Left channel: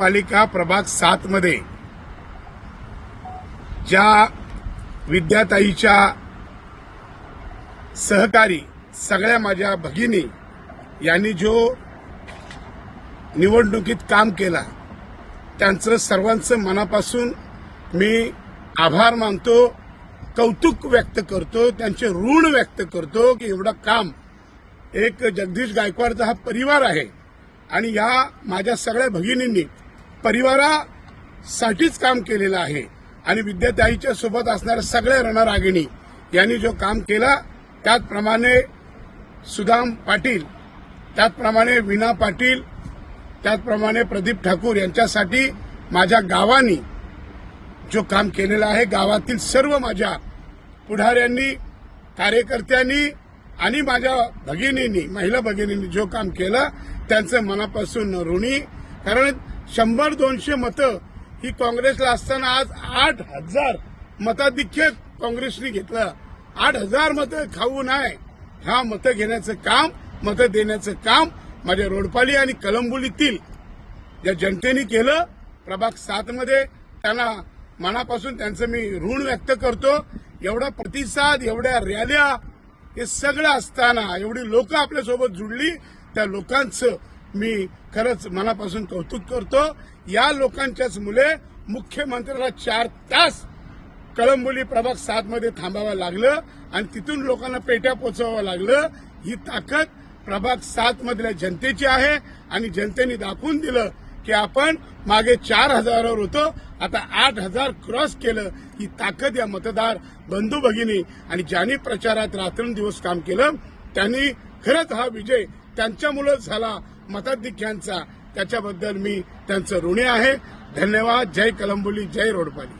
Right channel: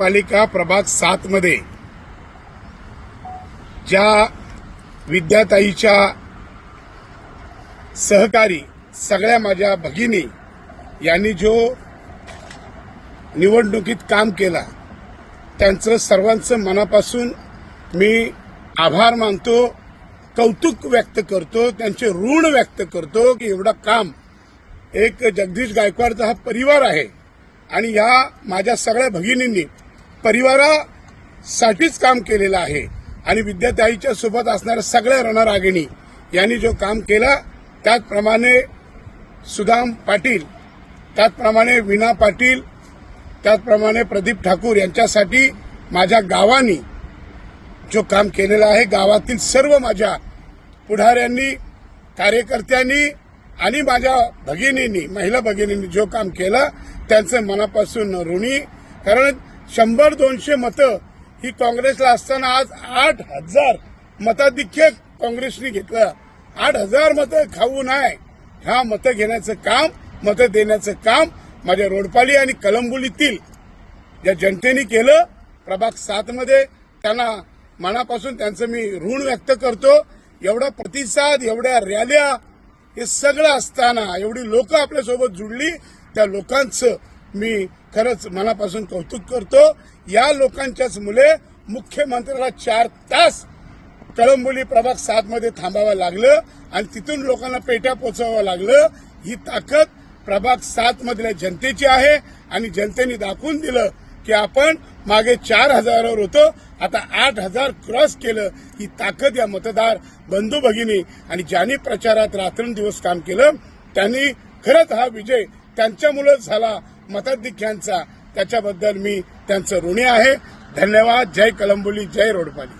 पालिका प्रभाग 7 मध्ये ज्या विद्याताईच्या सहकारी सगळ्या माझ्या भगिनी यांनी जो निवडणुकीत काम केला त्यांचं सर्वांचं मनापासून मी आभार मानतो, कौतुक व्यक्त करतो, त्यांचे ऋण व्यक्त करतो की एवढं काम एक जगदीश गायकवाडचा हा परिवार आहे आणि या माझ्या सगळ्या भगिनींनी परिवारासाठीच काम केलेलं आहे आणि विद्याताईच्या सोबत असणाऱ्या सगळ्या रणरागिणी यांनी जो काम केलं त्याचप्रमाणे सुदाम पाटील, त्याचप्रमाणे वीणा पाटील, त्याचप्रमाणे प्रदीप ठाकूर यांच्यासाठी माझ्या गावानी जो काम केलेलं आहे, गावातील सर्व माझ्या पुढाऱ्यांनी, कार्यकर्त्यांनी आणि माझ्या भगिनींनी, महिला भगिनींनी जो काम केलं त्यांचं मनापासून ऋणी. कारण 100-200 मतं ही काँग्रेसला असताना आज 8,000 मताधिक्य काँग्रेसने घेतलं. 8,000 मतं खाऊ नये, हा मतं घेण्याचं काम, मतं देण्याचं काम माझ्या रोडपाली आणि कलंबुलीतील ज्या जनतेने केलं प्रभाग 7 मध्ये, त्यांना मनापासून त्यांचं मी ऋण व्यक्त करतो. एवढा प्रतिसाद, एवढ्या रॅल्या, हे सगळं असताना एवढी लोक आपल्यासोबत जुळली, त्या लोकांचं मी खरंच मनापासून कौतुक करतो. या लोकांच्याच मुले मुख्यमंत्र्याला 4 तास कळंबोली प्रभाग 7 मध्ये थांबावं लागलं आणि तिथून लोकांना पेट्या पोचवावं लागलं. ही ताकद प्रभाग 7 मधल्या जनतेची आहे आणि जनतेने दाखवून दिलं की आपण मागे 4,000 होतो, आता 8,000 क्रॉस केलं. ही ताकद या मतदार बंधू भगिनी आणि ज्यांनी प्रचारात रात्रंदिवस काम केलं त्यांनी खरंच हा विजय त्यांच्यामुळेच झाला मताधिक्यांचा, त्याच्याबद्दल मी त्यांचं ऋणी आहे. धन्यवाद. जय कलंबोली, जय रोडपाली.